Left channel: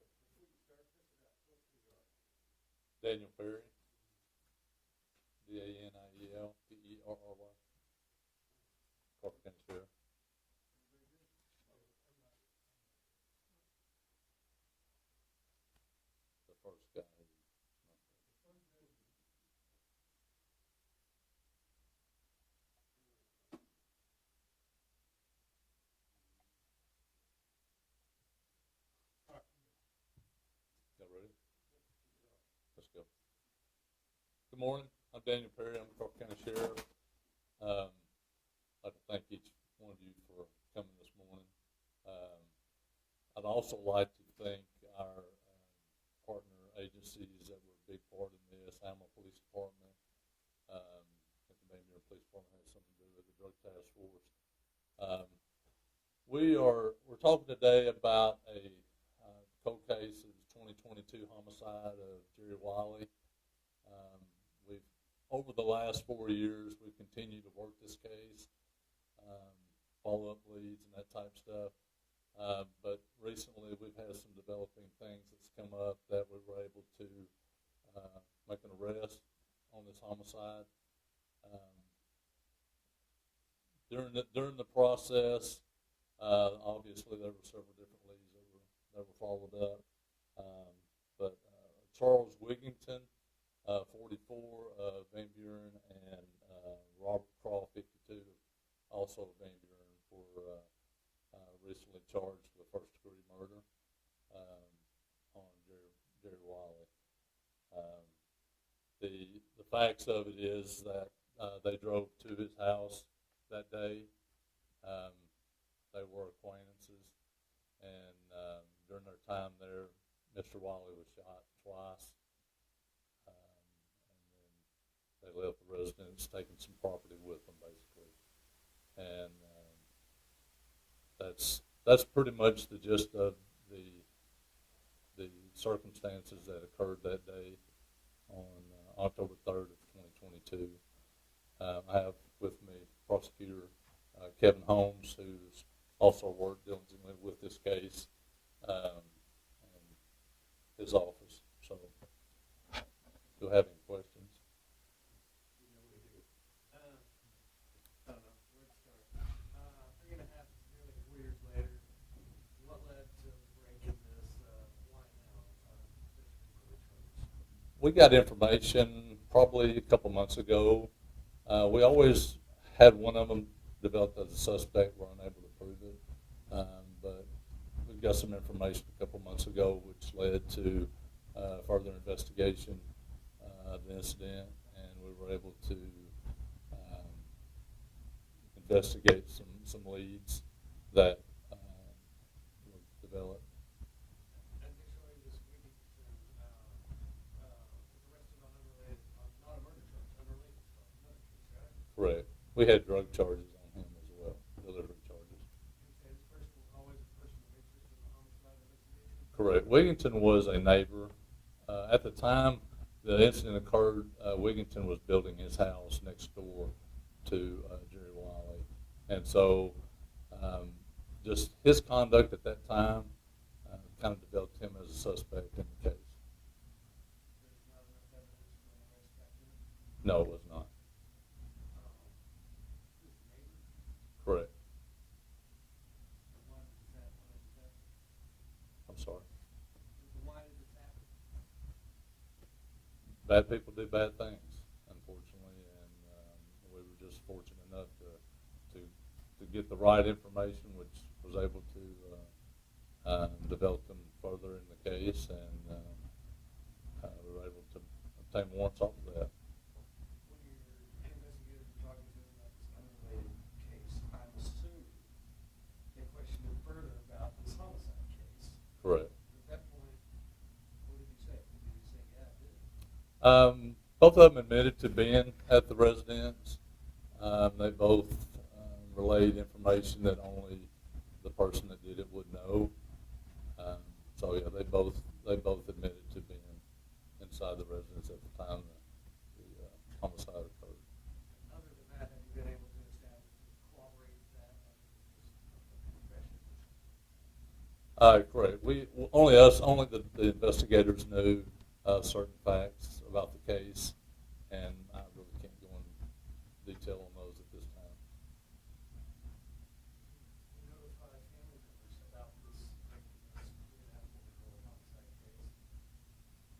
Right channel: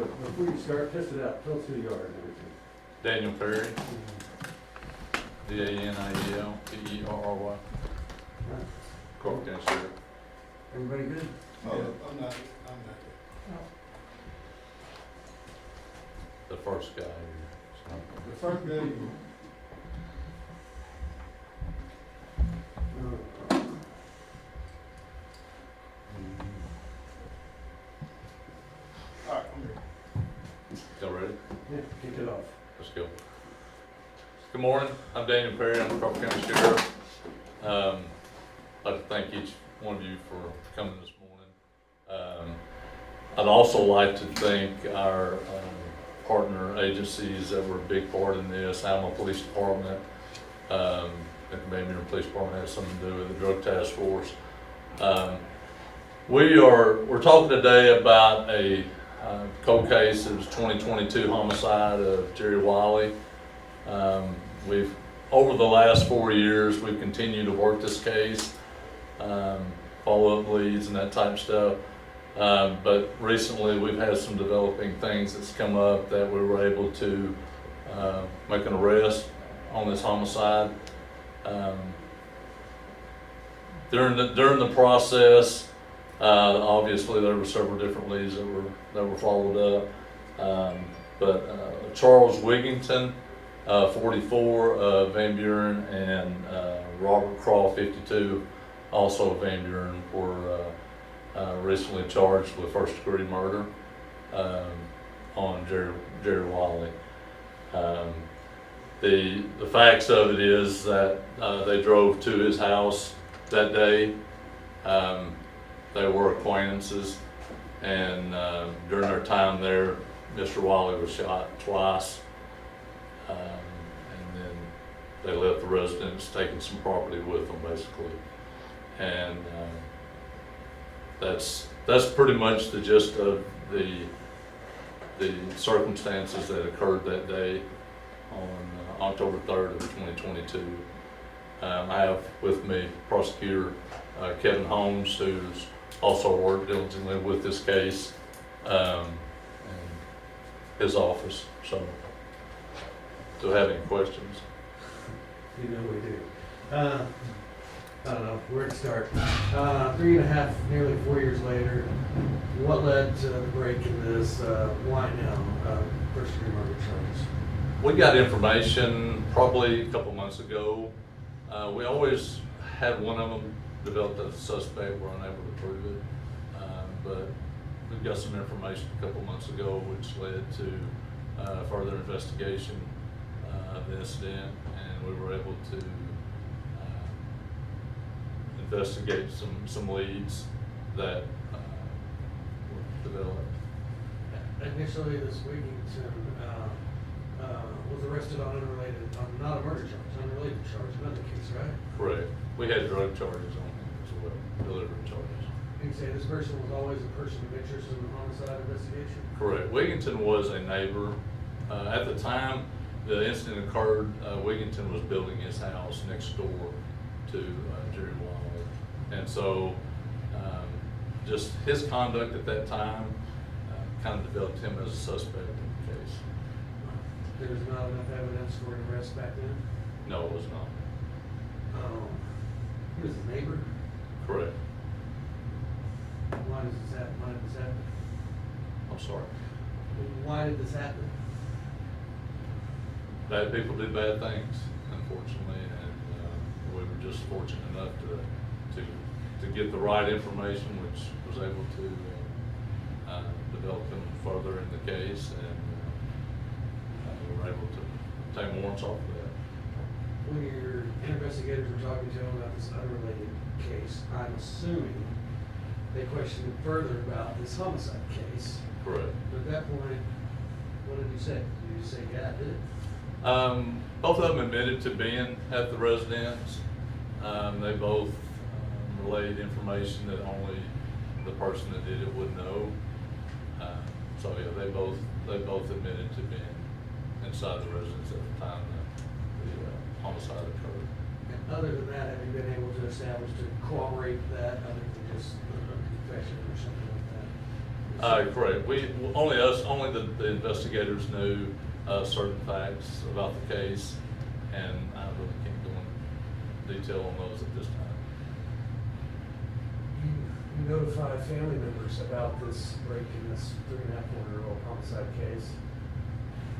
but before you start, test it out, tell us who you are and everything. Daniel Perry, DANIEL, Crawford County Sheriff. Everybody good? Oh, I'm not. The first guy here. The first day, all right, I'm ready. Y'all ready? Yeah, kick it off. Let's go. Good morning, I'm Daniel Perry, I'm the Crawford County Sheriff. I'd like to thank each one of you for coming this morning. I'd also like to thank our partner agencies that were a big part in this. Alamo Police Department, the Van Buren Police Department has something to do with the Drug Task Force. We're talking today about a cold case. It was 2022 homicide of Jerry Wiley. We've, over the last 4 years, we've continued to work this case, follow up leads and that type of stuff. But recently we've had some developing things that's come up that we were able to make an arrest on this homicide. During the process, obviously there were several different leads that were followed up. But Charles Wigington, 44 of Van Buren, and Robert Crawford, 52, also of Van Buren, were recently charged with first-degree murder on Jerry Wiley. The facts of it is that they drove to his house that day. They were acquaintances, and during their time there, Mr. Wiley was shot twice, and then they left the residence, taking some property with them, basically. And that's pretty much the gist of the circumstances that occurred that day on October 3rd of 2022. I have with me Prosecutor Kevin Holmes, who's also worked diligently with this case, in his office. So, do I have any questions? You know we do. I don't know where to start. 3.5, nearly 4 years later, what led to the break in this? Why now? First-degree murder charges. We got information probably a couple months ago. We always had one of them developed as a suspect. We're unable to prove it, but we got some information a couple months ago, which led to further investigation of the incident, and we were able to investigate some leads that were developed. Initially, this Wigington was arrested on not a murder charge, unrelated charge, another case, right? Correct. We had drug charges on him as well, delivery charges. You say this person was always a person of interest in the homicide investigation? Correct. Wigington was a neighbor. At the time the incident occurred, Wigington was building his house next door to Jerry Wiley. And so just his conduct at that time kind of developed him as a suspect in the case. There was not enough evidence for an arrest back then? No, it was not. He was a neighbor? Correct. Why did this happen? I'm sorry. Why did this happen? Bad people do bad things, unfortunately, and we were just fortunate enough to get the right information, which was able to develop them further in the case, and we were able to obtain warrants off of that. When your investigators were talking to him about this unrelated case, I'm assuming they questioned him further about this homicide case. Correct. But at that point, what did you say? Did you say, yeah, I did it? Both of them admitted to being at the residence. They both relayed information that only the person that did it would know. So yeah, they both admitted to being inside the residence at the time that the homicide occurred. And other than that, have you been able to establish, to corroborate that, other than just a confession or something like that? Correct. Only the investigators knew certain facts about the case, and I really can't go into detail on those at this time. You notify family members about this break in this 3.5-year-old homicide case.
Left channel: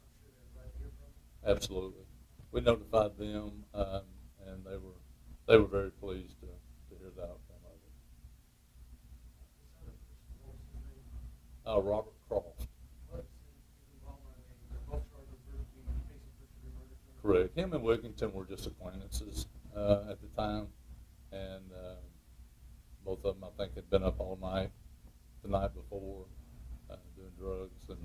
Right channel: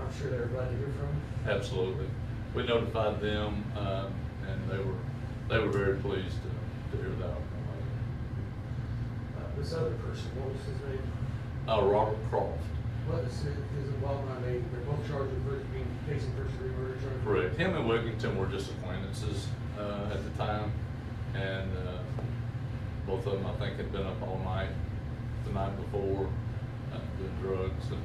I'm sure they're glad to hear from you. Absolutely. We notified them, and they were very pleased to hear that. This other person, what was his name? Robert Crawford. What is it, they're both charged with facing first-degree murder charge? Correct. Him and Wigington were just acquaintances at the time, and both of them, I think, had been up all night the night before doing drugs, and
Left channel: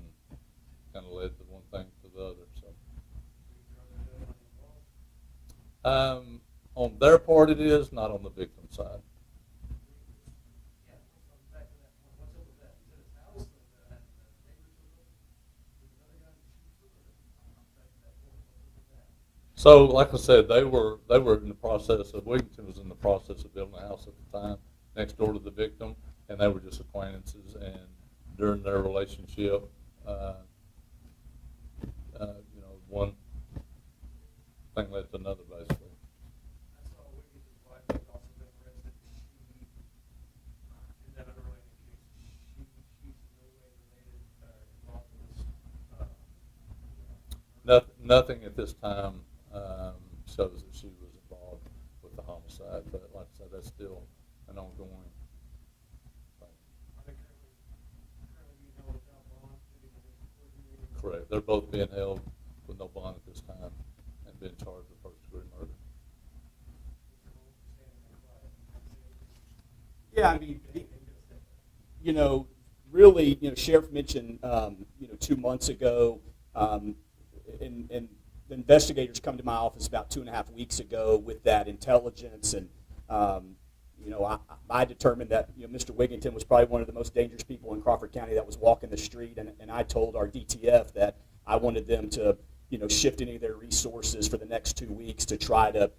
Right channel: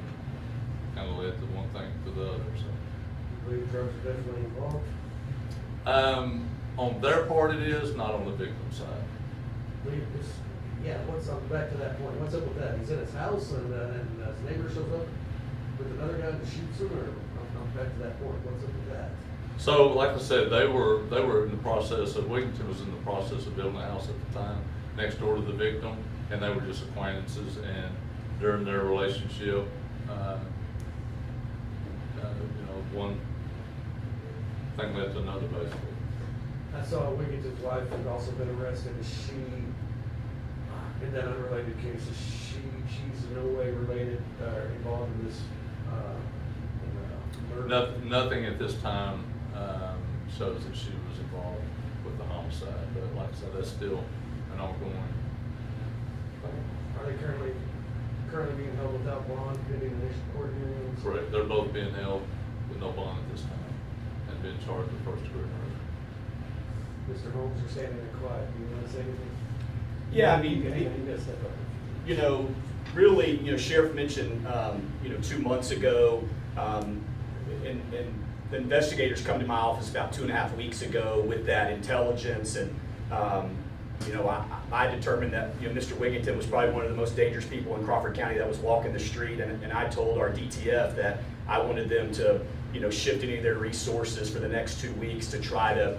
kind of led to one thing to the other. So, You believe drugs are definitely involved? On their part, it is, not on the victim side. Yeah, back to that point, what's up with that? He's in his house and his neighbor shows up with another guy that shoots him, or I'm back to that point, what's up with that? So, like I said, they were in the process of, Wigington was in the process of building a house at the time, next door to the victim, and they were just acquaintances, and during their relationship, one thing led to another, basically. I saw Wigington's wife had also been arrested. Is she, in that unrelated case, she's in no way related or involved in this murder? Nothing at this time shows that she was involved with the homicide, but like I said, that's still an ongoing thing. Are they currently being held without bond pending initial court hearings? Correct. They're both being held with no bond at this time and being charged with first-degree murder. Mr. Holmes, you're standing there quiet. Do you want to say anything? Yeah, I mean, You gotta step up. you know, really, Sheriff mentioned, 2 months ago, and the investigators come to my office about 2.5 weeks ago with that intelligence, and, I determined that, Mr. Wigington was probably one of the most dangerous people in Crawford County that was walking the street, and I told our DTF that I wanted them to, shift any of their resources for the next 2 weeks to try to,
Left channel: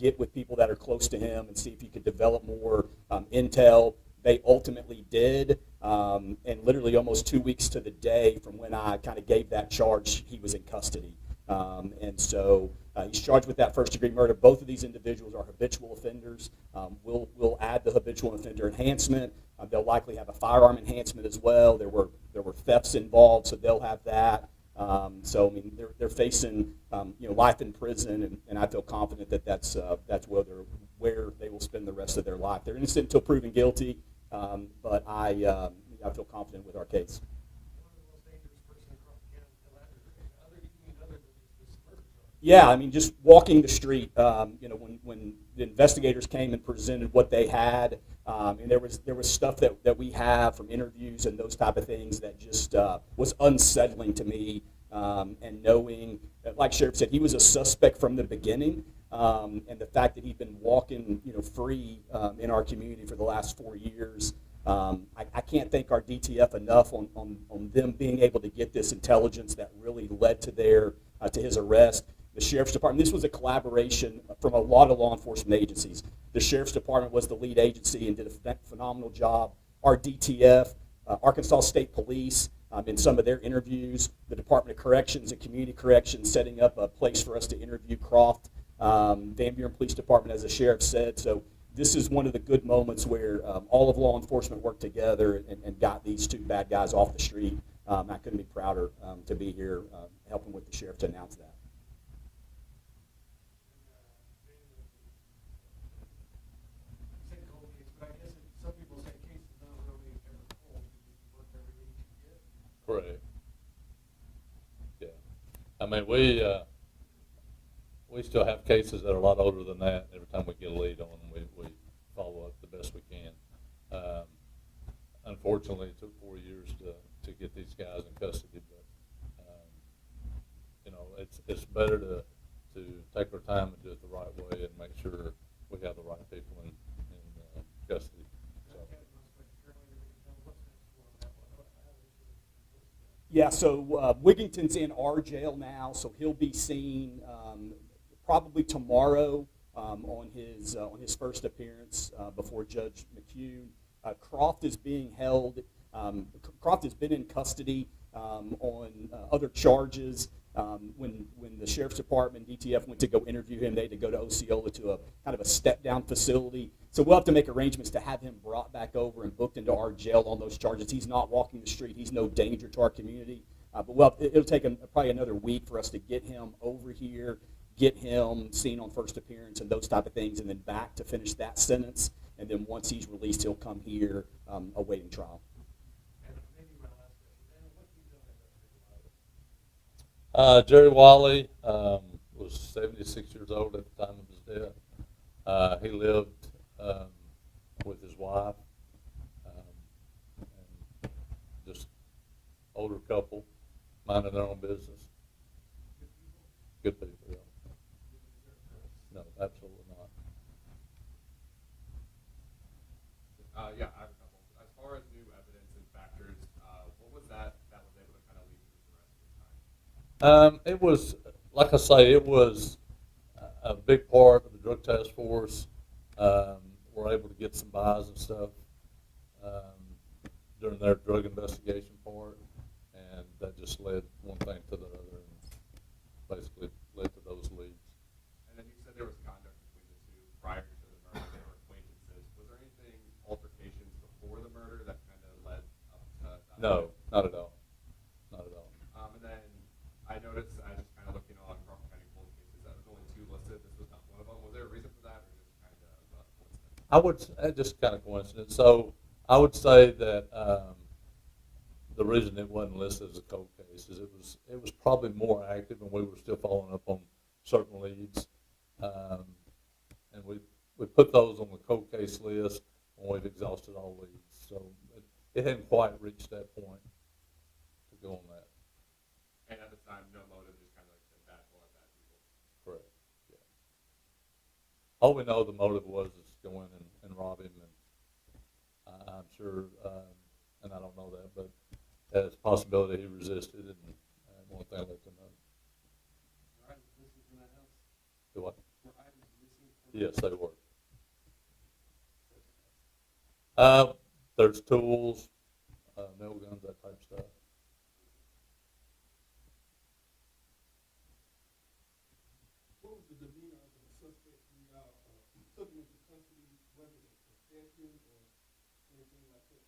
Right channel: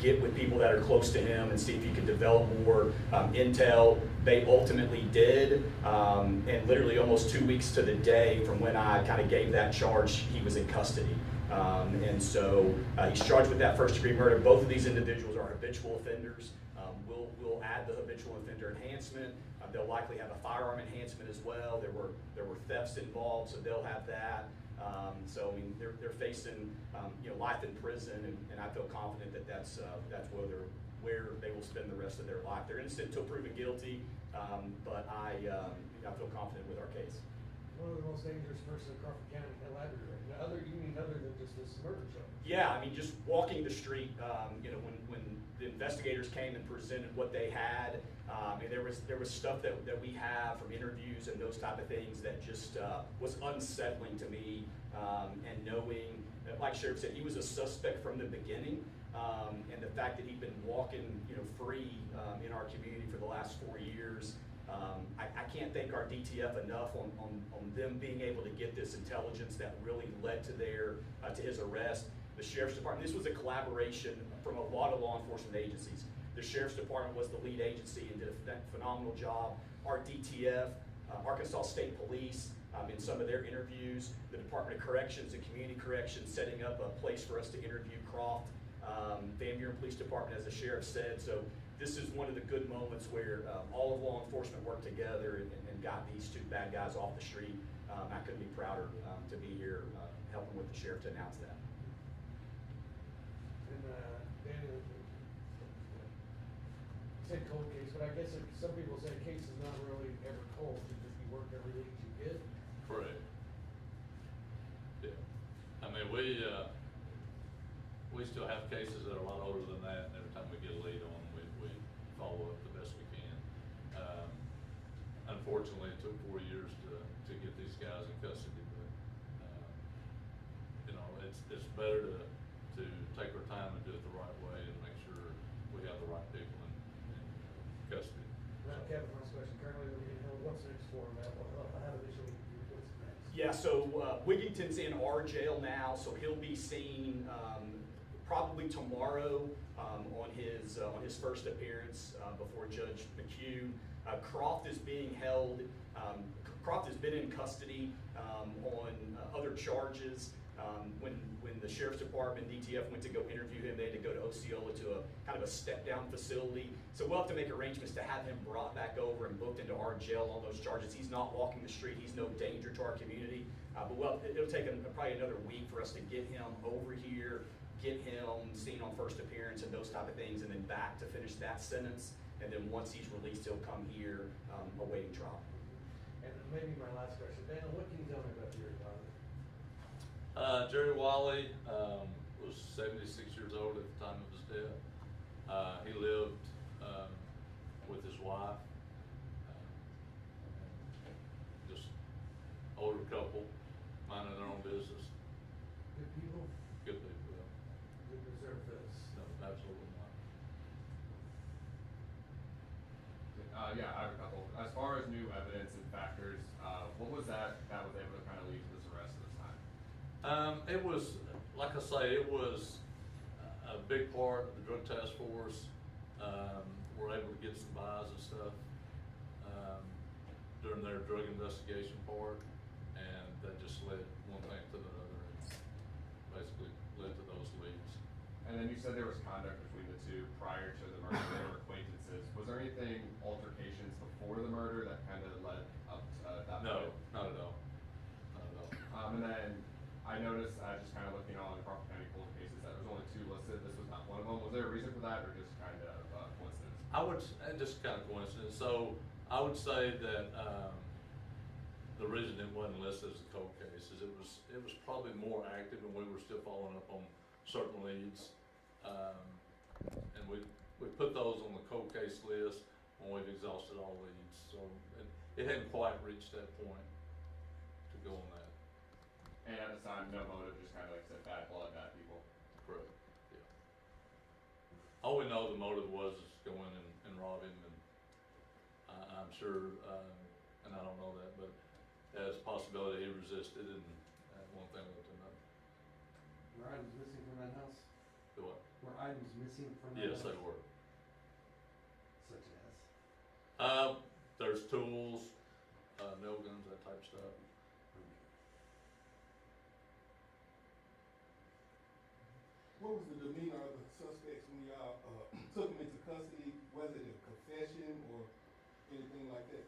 get with people that are close to him and see if he could develop more intel. They ultimately did, and literally almost 2 weeks to the day from when I kind of gave that charge, he was in custody. And so he's charged with that first-degree murder. Both of these individuals are habitual offenders. We'll add the habitual offender enhancement. They'll likely have a firearm enhancement as well. There were thefts involved, so they'll have that. So I mean, they're facing life in prison, and I feel confident that that's where they will spend the rest of their life. They're innocent until proven guilty, but I feel confident with our case. One of the most dangerous person in Crawford County, you mean other than just this murder charge? Yeah, I mean, just walking the street, when the investigators came and presented what they had, and there was stuff that we have from interviews and those type of things that just was unsettling to me, and knowing, like Sheriff said, he was a suspect from the beginning, and the fact that he'd been walking, free in our community for the last 4 years. I can't thank our DTF enough on them being able to get this intelligence that really led to his arrest. The Sheriff's Department, this was a collaboration from a lot of law enforcement agencies. The Sheriff's Department was the lead agency and did a phenomenal job. Our DTF, Arkansas State Police, in some of their interviews, the Department of Corrections and Community Corrections setting up a place for us to interview Croft, Van Buren Police Department, as the Sheriff said. So this is one of the good moments where all of law enforcement worked together and got these two bad guys off the street. I couldn't be prouder to be here helping with the Sheriff to announce that. Said cold case, but I guess some people say the case is not really ever cold, you just you work every lead you get. Correct. Yeah. I mean, we still have cases that are a lot older than that. Every time we get a lead on them, we follow up the best we can. Unfortunately, it took 4 years to get these guys in custody. But, it's better to take our time and do it the right way and make sure we have the right people in custody. Kevin, last question. Currently, what's next for him? How initially, what's next? Yeah, so Wigington's in our jail now, so he'll be seen probably tomorrow on his first appearance before Judge McHugh. Croft is being held Crawford has been in custody on other charges. When the sheriff's department, DTF, went to go interview him, they had to go to Osceola to a kind of a step-down facility. So we'll have to make arrangements to have him brought back over and booked into our jail on those charges. He's not walking the street. He's no danger to our community. But it'll take probably another week for us to get him over here, get him seen on first appearance and those type of things, and then back to finish that sentence. And then once he's released, he'll come here awaiting trial. And maybe my last question, Daniel, what can you tell me about your father? Jerry Wiley was 76 years old at the time of his death. He lived with his wife, just older couple, minding their own business. Good people? Good people, yeah. We deserve this. No, absolutely not. Yeah, I have a couple. As far as new evidence and factors, what was that was able to kind of lead to this arrest at the time? It was, like I say, it was a big part of the drug task force. Were able to get some buys and stuff during their drug investigation part, and that just led one thing to the other, and basically led to those leads. And then you said there was conduct between the two prior to the murder. They were acquaintances. Was there anything, altercations before the murder that kind of led up to that? No, point? not at all. Not at all. And then I noticed, just kind of looking on Crawford County cold cases, that there was only 2 listed. This was not one of them. Was there a reason for that, or just kind of coincidence? I would just kind of coincidence. So I would say that the reason it wasn't listed as a cold case is it was probably more active, and we were still following up on certain leads, and we put those on the cold case list when we've exhausted all leads. So it hadn't quite reached that point to go on that. And at the time, no motive, just kind of like said, bad blood, bad people. Correct. Yeah. All we know the motive was is go in and rob him, and I'm sure, and I don't know that, but there's a possibility he resisted, and one thing let them know. Were items missing from that house? Do what? Were items missing from that Yes, house? they were. Such as? There's tools, nail guns, that type of stuff. What was the demeanor of the suspects when y'all took them into custody? Was it a confession or anything like that?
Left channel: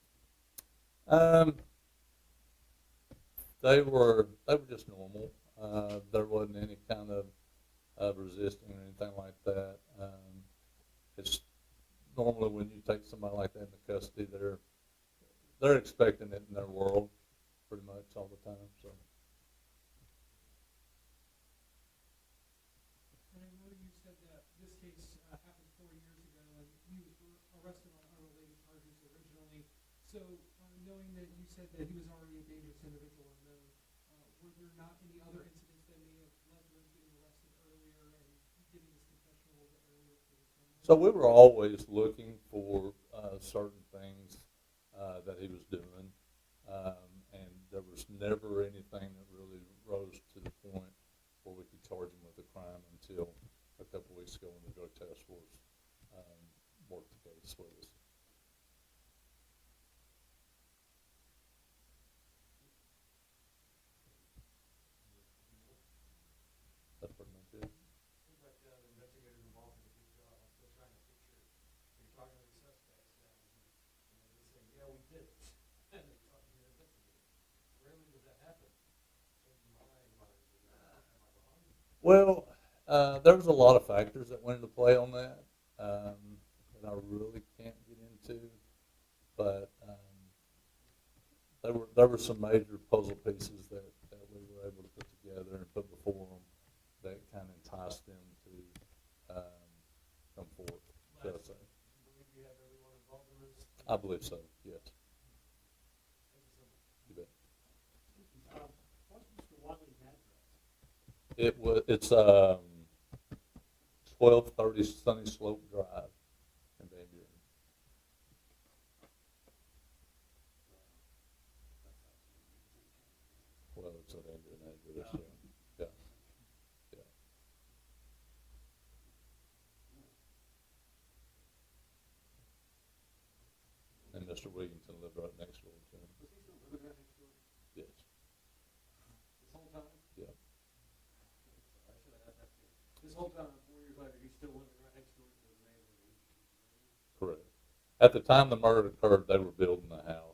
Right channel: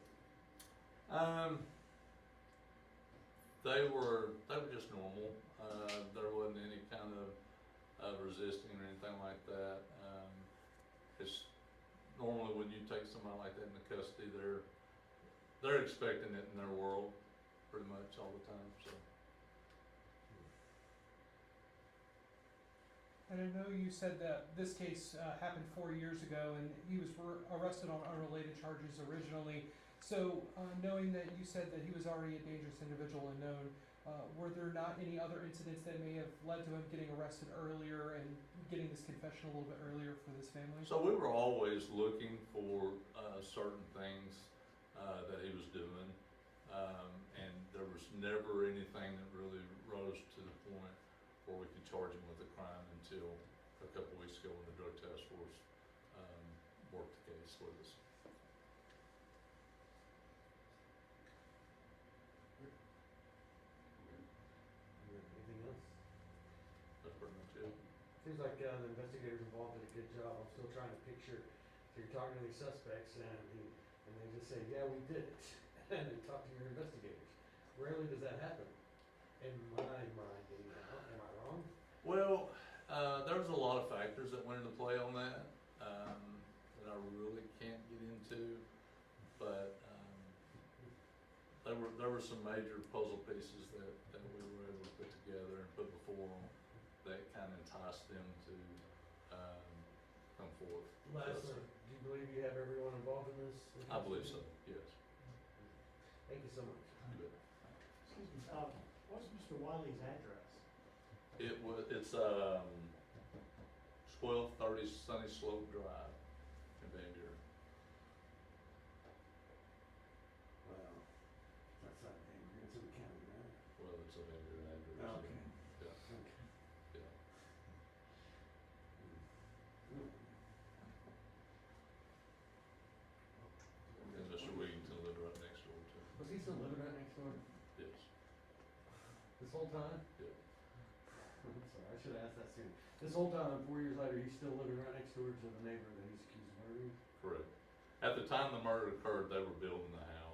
They were just normal. There wasn't any kind of resisting or anything like that. It's normally when you take somebody like that into custody, they're expecting it in their world pretty much all the time. So. And I know you said that this case happened 4 years ago, and he was arrested on unrelated charges originally. So, knowing that you said that he was already a dangerous individual and known, were there not any other incidents that may have led to him getting arrested earlier and getting this confession a little bit earlier for this family? So we were always looking for certain things that he was doing, and there was never anything that really rose to the point where we could charge him with a crime until a couple weeks ago when the drug task force worked the case with us. Anything else? That's pretty much it. Seems like the investigators involved did a good job. I'm still trying to picture if you're talking to these suspects and they just say, yeah, we did it, and then talk to your investigators. Rarely does that happen. In my mind, am I wrong? Well, there was a lot of factors that went into play on that that I really can't get into, but there were some major puzzle pieces that we were able to put together and put before them that kind of enticed them to come forward. Lastly, do you believe you have everyone involved in this? I believe so, yes. Thank you so much. You bet. Excuse me, what's Mr. Wiley's address? It's 1230 Sunny Slope Drive in Van Buren. Wow. That's not a name. It's in the county, right? Well, it's a Van Buren address. Okay. Yeah, Okay. yeah. And Mr. Wigington lived right next door to him. Was This whole time? Yeah. I'm sorry, I should have asked that sooner. This whole time, 4 years later, he's still living right next door to the neighbor that he's accused of murdering? Correct. At the time the murder occurred, they were building a house.